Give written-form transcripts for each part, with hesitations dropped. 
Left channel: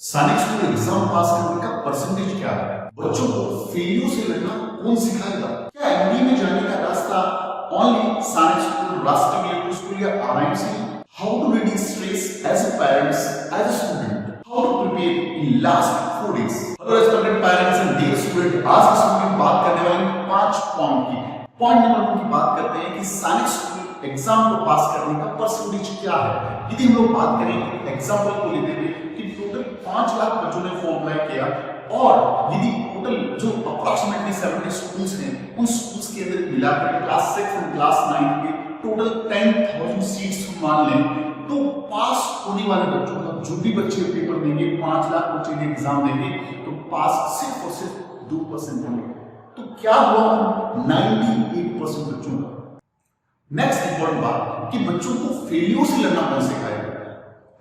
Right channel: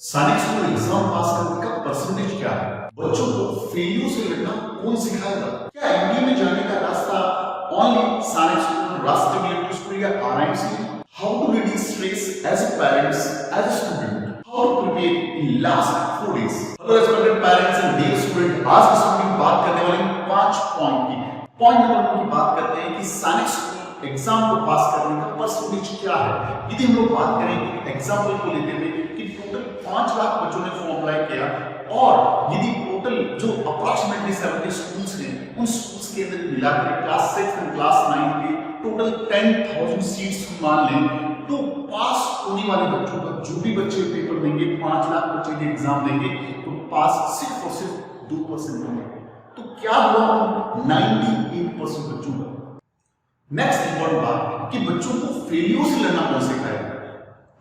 सैनिक school exam पास करने का परसेंटेज क्या है? बच्चों को फेलियर से लड़ना कौन सिखाएगा? क्या एनडीए में जाने का रास्ता only Sainik school, Rashtriya military school या आरआईएमसी है? How to reduce stress as a parents, as a student? How to prepare in last 4 days? Hello respected parents and dear student, आज की वीडियो में बात करने वाले हैं 5 पॉइंट की। पॉइंट नंबर 1 की बात करते हैं कि सैनिक स्कूल एग्जाम को पास करने का परसेंटेज क्या है। यदि हम लोग बात करें एग्जाम्पल को लेते हुए कि टोटल 5 लाख बच्चों ने फॉर्म अप्लाई किया और यदि टोटल जो अप्रॉक्सीमेटली 70 स्कूल्स हैं उन स्कूल्स के अंदर मिलाकर क्लास 6 एंड क्लास 9 के टोटल 10,000 सीट्स मान लें तो पास होने वाले बच्चों का जो भी बच्चे पेपर देंगे, 5 लाख बच्चे यदि एग्जाम देंगे तो पास सिर्फ और सिर्फ 2% होंगे। तो क्या हुआ 98% बच्चों का। नेक्स्ट इंपॉर्टेंट बात कि बच्चों को फेलियर से लड़ना कौन सिखाएगा?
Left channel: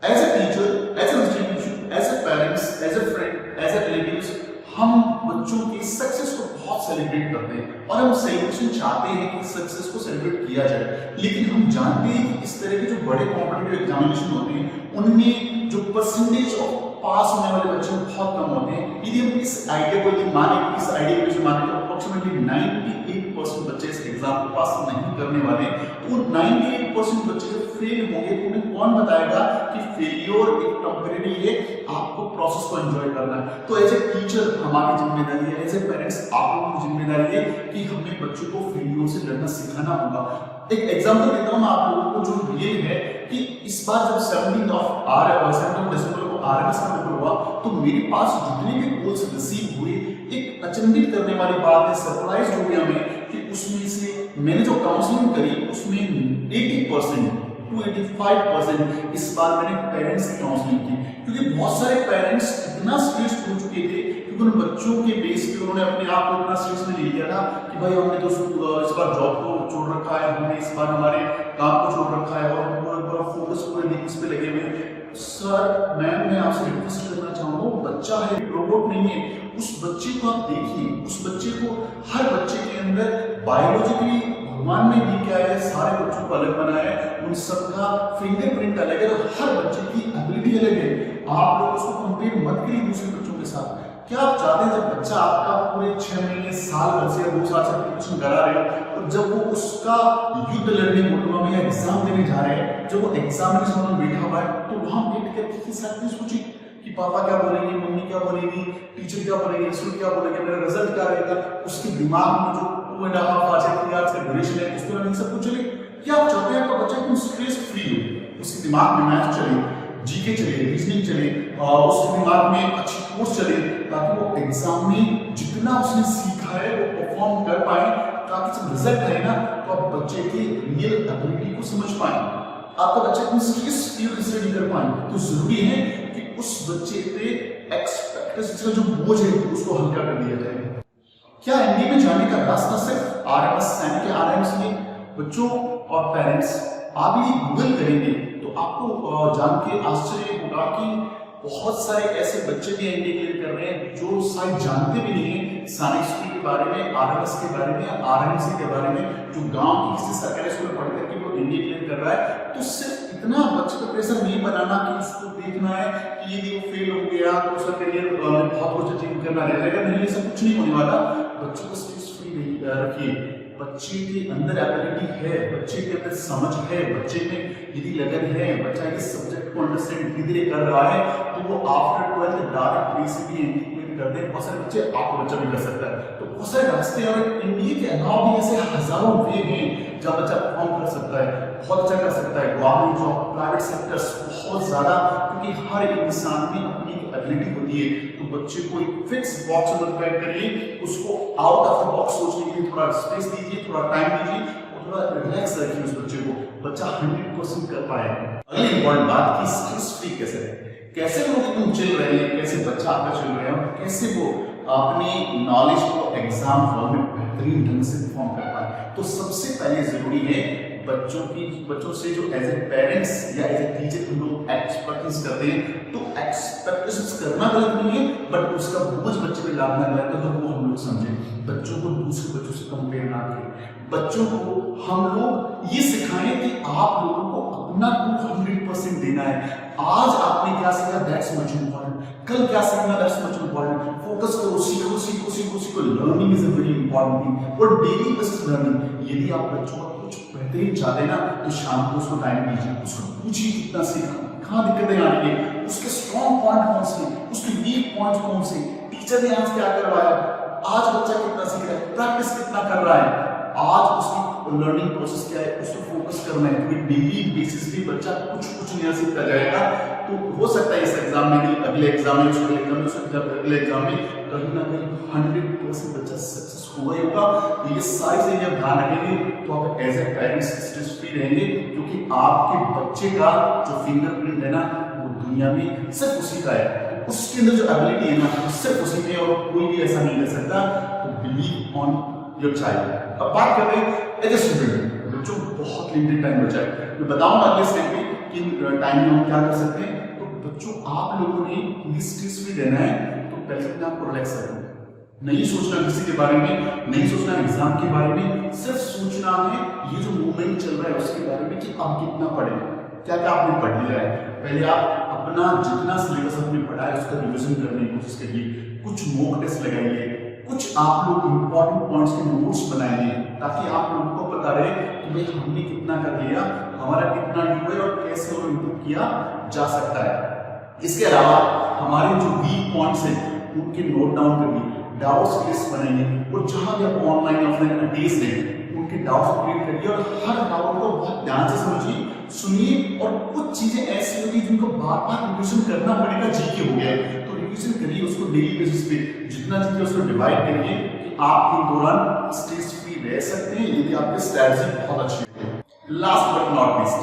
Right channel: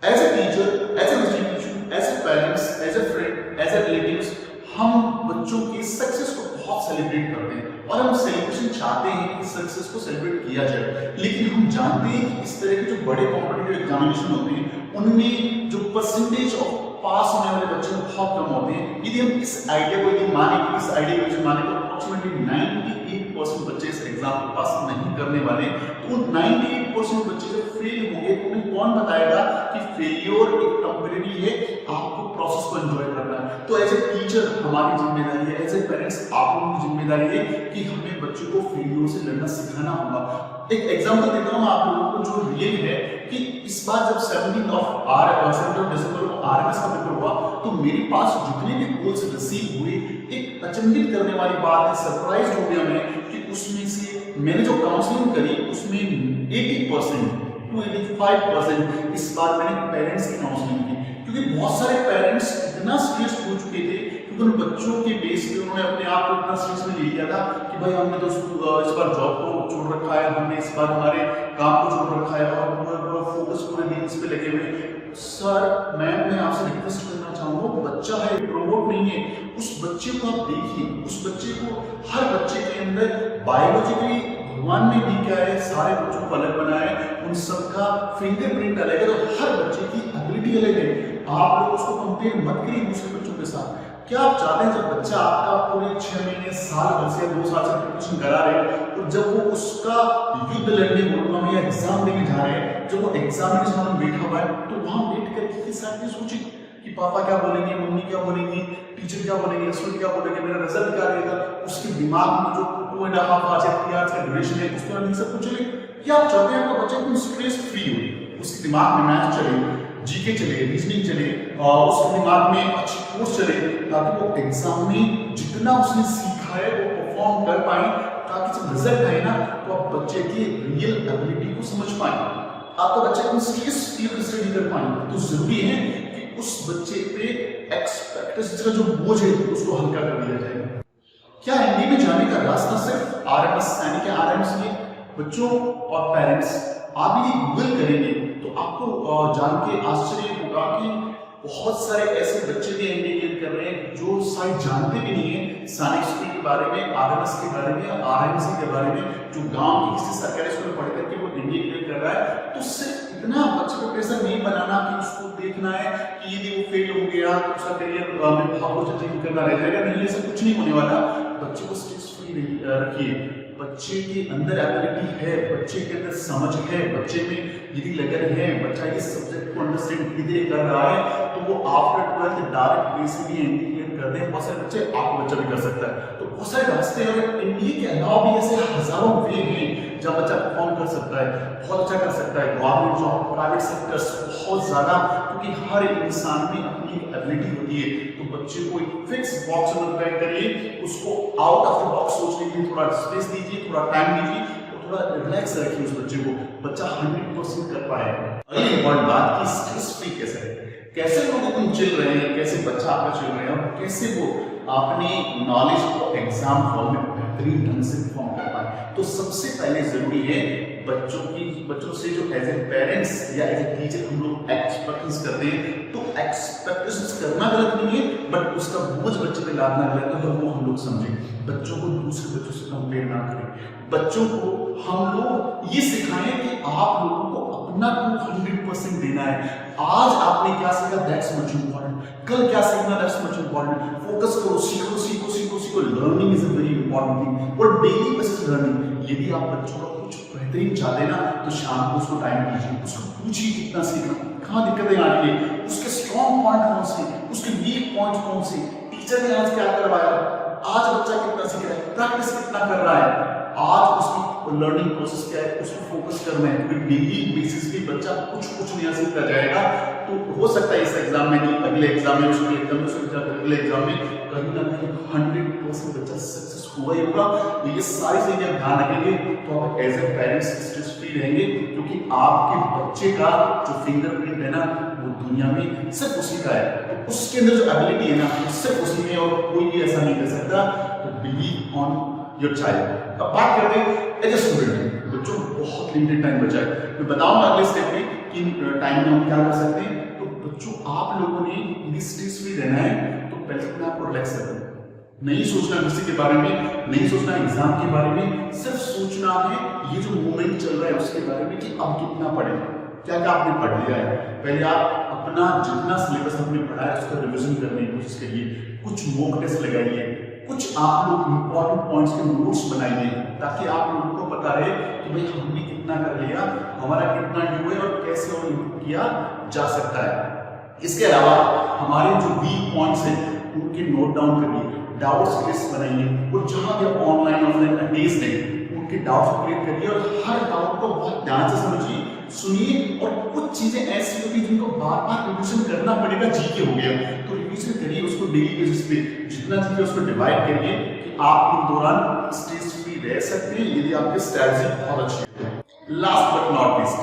As a teacher, as a institution, as a parents, as a friend, as a relatives, हम बच्चों की सक्सेस को बहुत सेलिब्रेट करते हैं और हम सेलिब्रेशन चाहते हैं कि सक्सेस को सेलिब्रेट किया जाए। लेकिन हम जानते हैं कि इस तरह के जो बड़े कॉम्पिटिटिव एग्जामिनेशन होते हैं उनमें जो परसेंटेज ऑफ पास होने वाले बच्चे बहुत कम होते हैं। यदि हम इस आइडिया को यदि माने कि इस आइडिया को माने तो अप्रोक्सीमेटली 98% बच्चे इस एग्जाम को पास नहीं करने वाले। तो उन 98% बच्चे जब फेल होंगे तो उन्हें कौन बताएगा कि फेलियर एक टेम्परेरी है, आपको प्रोसेस को एंजॉय करना है। तो एज ए टीचर हमारी जिम्मेदारी है, एज ए पेरेंट्स आप लोगों की जिम्मेदारी है कि हमें बच्चों को फेलियर से लड़ना सिखाना होगा। एक एग्जांपल देता हूं आप लोगों को जो रियल है कि इस बार जब 17 दिसंबर को आरएमएस का पेपर हुआ तो मेरे पास जितने भी कॉल्स रिसीव हुए, एक अचंभित करने वाली बात है, सरप्राइज हो गया मैं कि उसमें से मैंने जो काउंसलिंग करी उसमें 80% to 85% इस बार मैंने पेरेंट्स की काउंसलिंग की। क्योंकि बहुत सारे पेरेंट्स इतना स्ट्रेस्ड हो चुके थे क्योंकि उन बच्चों के बेस पे उन्होंने अपने आप को इतना स्ट्रेस में ले लिया था कि भाई हमने तो इस बार जॉब को छोड़ रखा है, हमने इस बार हमारे काम को छोड़ रखा है और पूरा फोकस पूरे दिन इस पे लगे हुए। सर मैम, मैं आपसे रिक्वेस्ट करना चाहूंगा, बच्चा है, रोबोट नहीं है। उस बच्चे को आप देखिए, उस बच्चे को, हर बच्चे के अंदर बायोलॉजिकली भगवान ने भी क्या है, सारे बच्चों को अलग बनाया है, उन सबका फिंगरप्रिंट अलग है, तो हर बच्चे की एबिलिटी अलग है। आप लोग उसको कंपेयर मत करिए दूसरे बच्चों के साथ। क्या आप चाहते हैं जब बच्चा आपका पूरे 6 महीने, साल भर से या 2 साल से प्रिपरेशन करा रहे और जब वो उसका युद्ध लड़ने बोलना में या एग्जाम देने जा रहे हैं, जब वो एग्जामिनेशन में बैठा हुआ है तो वहां बैठ करके के साथ भी सोचिए कि पापा क्या बोलेंगे, मम्मी क्या बोलेंगी, टीचर क्या बोलेंगे, स्टूडेंट क्या बोलेंगे, मेरा रिजल्ट क्या रहेगा। उसके दिमाग में जो 2.5 आवर्स या 3 आवर्स का ड्यूरेशन है उस पर सब कुछ चले। क्या आप चाहते हैं आपका बच्चा एकदम स्ट्रेस फ्री हो, उसके दिमाग में मैथ चले, जीके चले, रीजनिंग चले, उसके दिमाग में अच्छी कोर्स चले ताकि वो एग्जाम में जितना उसने सीखा है वो परफॉर्म कर पाए, ताकि जब रिजल्ट आए ना तो आप बच्चे की रियल एबिलिटी को समझ पाए, आपका बच्चा एकदम स्ट्रेस फ्री स्टडी कर पाए। तो जरूरी है कि उस बच्चे पे एक्सपेक्टेशंस का जो बोझ है उसको हल्का कर दिया जाए। क्या एनडीए में जाने का रास्ता सिर्फ आरएमएस सैनिक या आरआईएमसी है? बच्चों और पेरेंट्स, आप यदि गूगल करेंगे तो आपको जान के आश्चर्य होगा कि बहुत सारे ऐसे बच्चे भी एनडीए क्लियर कर रहे हैं जो शायद जानते भी नहीं है सैनिक स्कूल के बारे में, आरएमएस के बारे में, आरआईएमसी के बारे में, जो गांव की किसी सरकारी स्कूल में पढ़ करके वो एनडीए क्लियर कर रहा है। तो सिर्फ इतना बच्चे पे प्रेशर नहीं बनाना कि उसको देखना है कि यदि वो फेल हो गया तो उसका करियर में बहुत कुछ अचीव करना रह जाएगा। नहीं, ये सब कुछ नहीं होने वाला। बच्चे को स्ट्रेस फ्री रखिए, बच्चे के अंदर एबिलिटी है, बच्चे के अंदर समझ है, बच्चे में यदि लगन है, बच्चा इस सब्जेक्ट को अंडरस्टैंड धीरे धीरे कर रहा है तो वो after 12th direct PCB ND clear करते हैं। बहुत सारे बच्चे, आपका बच्चा भी कर सकता है। तो बहुत सारे रास्ते और इंडिया के अलावा भी ऐसे हजारों वे हैं जहाँ बच्चा परफॉर्म कर सकता है, बहुत अच्छा कर सकता है। गवर्नमेंट जॉब, प्राइवेट सेक्टर्स, बहुत ज्यादा, क्योंकि हर इंसान में अपनी एक एबिलिटी होती है। तो बच्चे को एक फिक्स बॉक्स में मत पैक करिए, उसको आउट ऑफ द बॉक्स सोचने के लिए थोड़ा स्पेस दीजिए, थोड़ा टाइम दीजिए और थोड़ा रिलैक्स रखिए उस बच्चे को, बच्चा 100% कर पाए। अगली इंपॉर्टेंट बात कि स्ट्रेस फ्री कैसे रहे, कैसे लोग एकदम चिल रहे हैं, कैसे बच्चा आपका चिल रहे हैं और कैसे वो अपनी नॉलेज को एग्जाम हॉल में बेहतरीन ढंग से परफॉर्म कर पाए। तो सबसे पहले जरूरी है बच्चों से जो एज ए पेरेंट्स या एज ए टीचर हम लोग एक्सपेक्टेशंस करते हैं, तो एक्सपेक्टेशंस करना गलत नहीं है बट उसका बोझ बच्चे पे लादना गलत है। तो वो हम लोग समझें, बच्चों को दूसरे बच्चों से कंपेयर ना करें। बच्चों को हम लोग ये सिखाएं कि आप लोगों को अपना 200% देना है। आज आपने क्या सीखा, दैट्स मच इम्पॉर्टेंट। कल क्या सीखना, दैट्स मच इंपॉर्टेंट। फोकस करो, सीखो सीखो सीखो सीखो। Learning is a very important thing, और डेली बेसिस लर्निंग। यदि आप बच्चों का कुछ बेहतरीन चाहते हैं ना, तो शाम को उसको टाइम दीजिए, उसको पूछिए कितना सीखा, कहाँ दिक्कतें आ रही है, उसके स्ट्रॉन्ग पॉइंट कौन से, उसके वीक पॉइंट कौन से, टीचर ने आज क्या करवाया, आज बच्चा कितना सीख रहा है, प्रैक्टिस कितना कर रहा है, आज उसकी लर्निंग प्रोसेस क्या है, उस पर फोकस करना है। क्योंकि डेली बेसिस पे बच्चा कुछ नया सीखता जाएगा। तो हो सकता है इस एग्जाम में नहीं, अगले एग्जाम में, उसके एग्जाम में, उसके अगले एग्जाम में कहीं ना कहीं 100% बच्चा सक्सेस हुआ ही होगा। तो ये सारी चीजें आप ध्यान रखेंगे तो आप as a parents stress free रहेंगे, क्योंकि आपके बच्चे का जो फिंगरप्रिंट है ना, वो दुनिया में सिर्फ उसी का है। तो उसके अंदर जो एबिलिटी है ना, वो सिर्फ उसी में, और कोई भी ऐसा नहीं कर सकता। तो बिलीव ऑन योर चाइल्ड। अब बात करते हैं एज ए स्टूडेंट। बच्चों बहुत लिमिटेड टाइम बचा है, मैं बताऊंगा अगले स्टेप में कि टाइम में हम क्या कर सकते हैं। तो बच्चों आप लोगों ने यदि स्ट्रेस फ्री रहना है, तो पहले अपने आप को रिलैक्स रखना, नहीं सोचना किसी के बारे में, नहीं सोचना एग्जाम के बारे में, सिर्फ सोचना है ये जो मूवमेंट चल रहा है उसके बारे में कि अब कितना पढ़े, क्या क्या आपने पढ़ लिया है। पहले आप अपना जितना सिलेबस आपने पढ़ा है उसका रिविजन करने की कोशिश करिए, कुछ मॉक टेस्ट लगाइए, कुछ आप लोग इंपॉर्टेंट पॉइंट्स के नोट्स बनाइए, ताकि आप लोगों को पता रहे कि भाई हमने कितना कर लिया, हमारा कितना ड्यू है और कैसे और इम्प्रूव किया जा सकता है। इसके अलावा हमारे जो वीक पॉइंट्स हैं उनके नोट डाउन करिए, डाउट्स की लिस्ट बनाइए, और जहां भी आप ऑनलाइन ऑफलाइन अटेस्ट हैं उनके डाउट्स को क्लियर करिए, और हर डाउट को बहुत ध्यान से समझिए, सुनिए। और कुछ चीजें ऐसी होती है जिनको बार बार रिविजन करना पड़ेगा, जीके हो गया तो रिविजन करिए उसको डेली बेसिस पे, जितना जीके उसको डिवाइड करिए कि आप इन दौरान स्ट्रेस फ्री रह सकते हैं यदि आपकी स्ट्रैटेजी बहुत अच्छी है। Last but not least,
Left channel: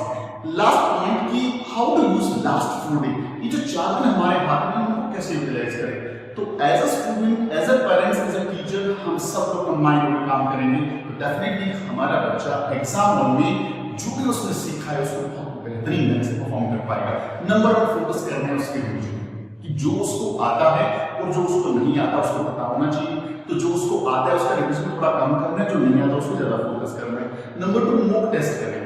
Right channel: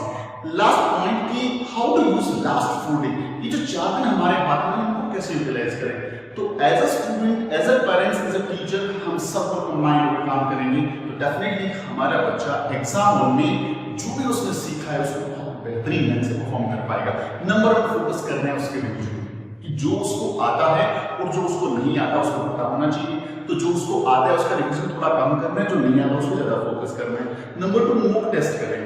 last point कि how to use last 4 day. ये जो 4 दिन हमारे हाथ में, उनको कैसे यूटिलाइज करें। तो as a student, as a parents, as a teacher, हम सब लोग कंबाइन होकर काम करेंगे, तो डेफिनेटली हमारा बच्चा एग्जाम हॉल में जो भी उसने सीखा है उसको बहुत बेहतरीन ढंग से परफॉर्म कर पाएगा। नंबर 1 फोकस करना है उसके रिविजन, कि जो उसको आता है और जो उसको नहीं आता उसको पता होना चाहिए। तो जो उसको आता है उसका रिविजन थोड़ा कम करना है, जो नहीं आता उसको ज्यादा फोकस करना है। नंबर 2 मॉक टेस्ट करें,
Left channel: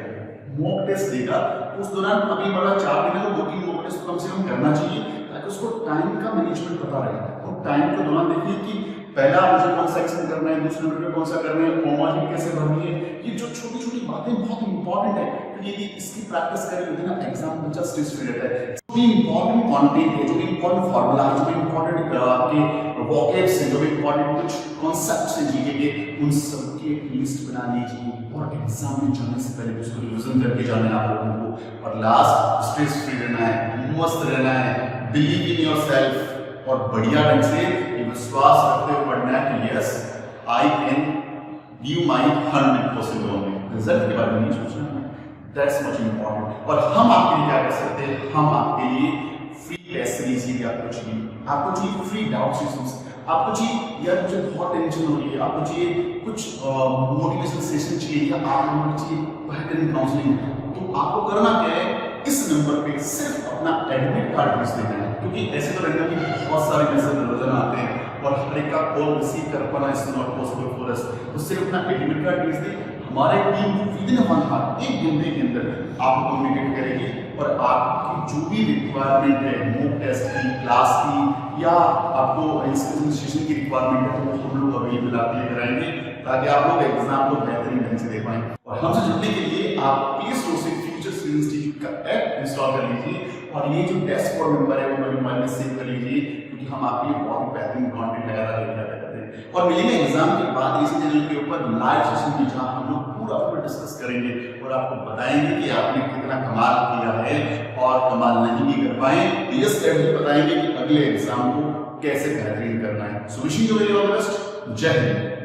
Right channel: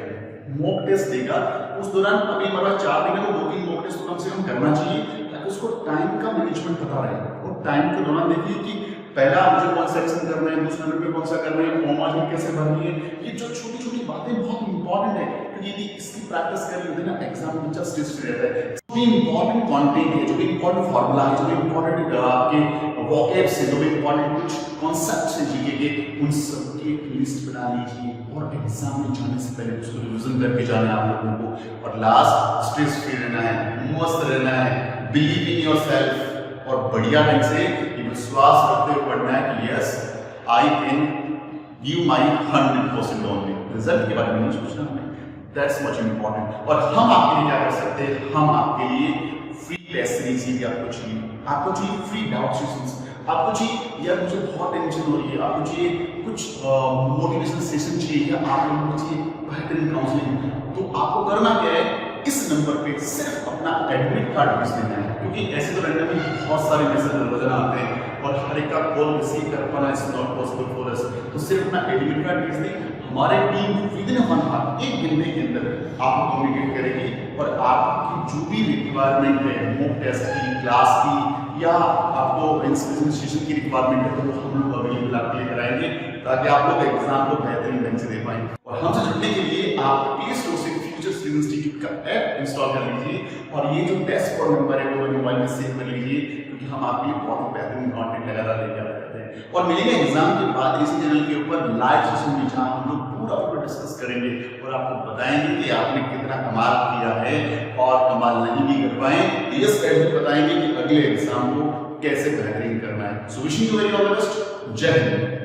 मॉक टेस्ट देगा उस दौरान, अभी हमारा 4 दिन है तो 2-3 मॉक टेस्ट कम से कम करना चाहिए, ताकि उसको टाइम का मैनेजमेंट पता रहे। और टाइम के दौरान देखिए कि पहला मुझे कौन सा एक्शन करना है, दूसरे नंबर पे कौन सा करना है, कॉमा कैसे भरनी है। ये जो छोटी छोटी बातें बहुत इंपॉर्टेंट है, क्योंकि यदि इसकी प्रैक्टिस करी होती है ना, एग्जाम में बच्चा स्ट्रेस फ्री रहता है। जो भी इंपॉर्टेंट कंटेंट है, जो भी इंपॉर्टेंट फॉर्मूला है, जो भी इंपॉर्टेंट आपके वोकैब्स है, जो भी इंपॉर्टेंट कुछ कॉन्सेप्ट्स हैं जीके के, उन सब की एक लिस्ट बना लीजिए, और एग्जाम में जाने से पहले उसको रिविजन करके जाना है आप लोगों को। और लास्ट, स्ट्रेस फ्री रहना है, मस्त रहना है, बिलीव इन योर सेल्फ, और बढ़िया ढंग से ये विश्वास रखते हुए पढ़ना है कि yes I can give my 100% only. Result के बारे में नहीं सोचना हमें, दैट्स मच इंपॉर्टेंट। और हम आपके लिए क्या कर सकते हैं, हम आपके लिए फ्री टेस्ट सीरीज यदि आपको चाहिए फ्री डाउट सेशंस, आपको चाहिए यार मुझे बहुत टेंशन हो रही है, आपको चाहिए कुछ मोटिवेशनल सेशन चाहिए, या आप लोगों को चाहिए बेहतरीन काउंसलिंग, तो आपको करना क्या है, इस नंबर पे सिर्फ अपना एडमिट कार्ड भेज देना है। क्योंकि ऐसे तो रैंडमली बहुत सारे मैसेज रोजाना आते हैं और हर एक का कॉल रिसीव कर पाना is not possible for us. तो सिर्फ अपना एडमिट कार्ड भेज दें, हमारे टीम विद इन 1 आवर, 1 घंटे के अंदर आपको कम्युनिकेट करेगी, और आपकी जो भी रिक्वायरमेंट है, मॉक टेस्ट की, क्लास की, या आपको इंस्पिरेशन सेशन की रिक्वायरमेंट है, तो वो हम लोग अवेलेबल आपके लिए कराएंगे, ताकि आप लोग एग्जाम को बेहतरीन ढंग से दे पाएं। और हमसे जुड़ने के लिए आप प्ले स्टोर से फ्यूचर स्किल्स इंस्टीट्यूट का ऐप इंस्टॉल कर लीजिए, और ये जो डैशबोर्ड नंबर है वो मेरे मोबाइल में सेव कर लीजिए, क्योंकि हम आपके लिए बहुत ही बेहतरीन कंटेंट लगातार लेके आते रहते हैं। और मिलेंगे एग्जाम के बाद इसी चैनल के ऊपर लाइव सेशन में, जहां हम लोग पूरा डिस्कस करेंगे और आपको बताएंगे कि आपने कितना कमाल किया है, और कमाल नहीं भी कर पाए तो ये स्ट्रेटजी बताएंगे कि अगले एग्जाम को कैसे बेहतरीन करना है। So wishing you very all the best. जय हिंद।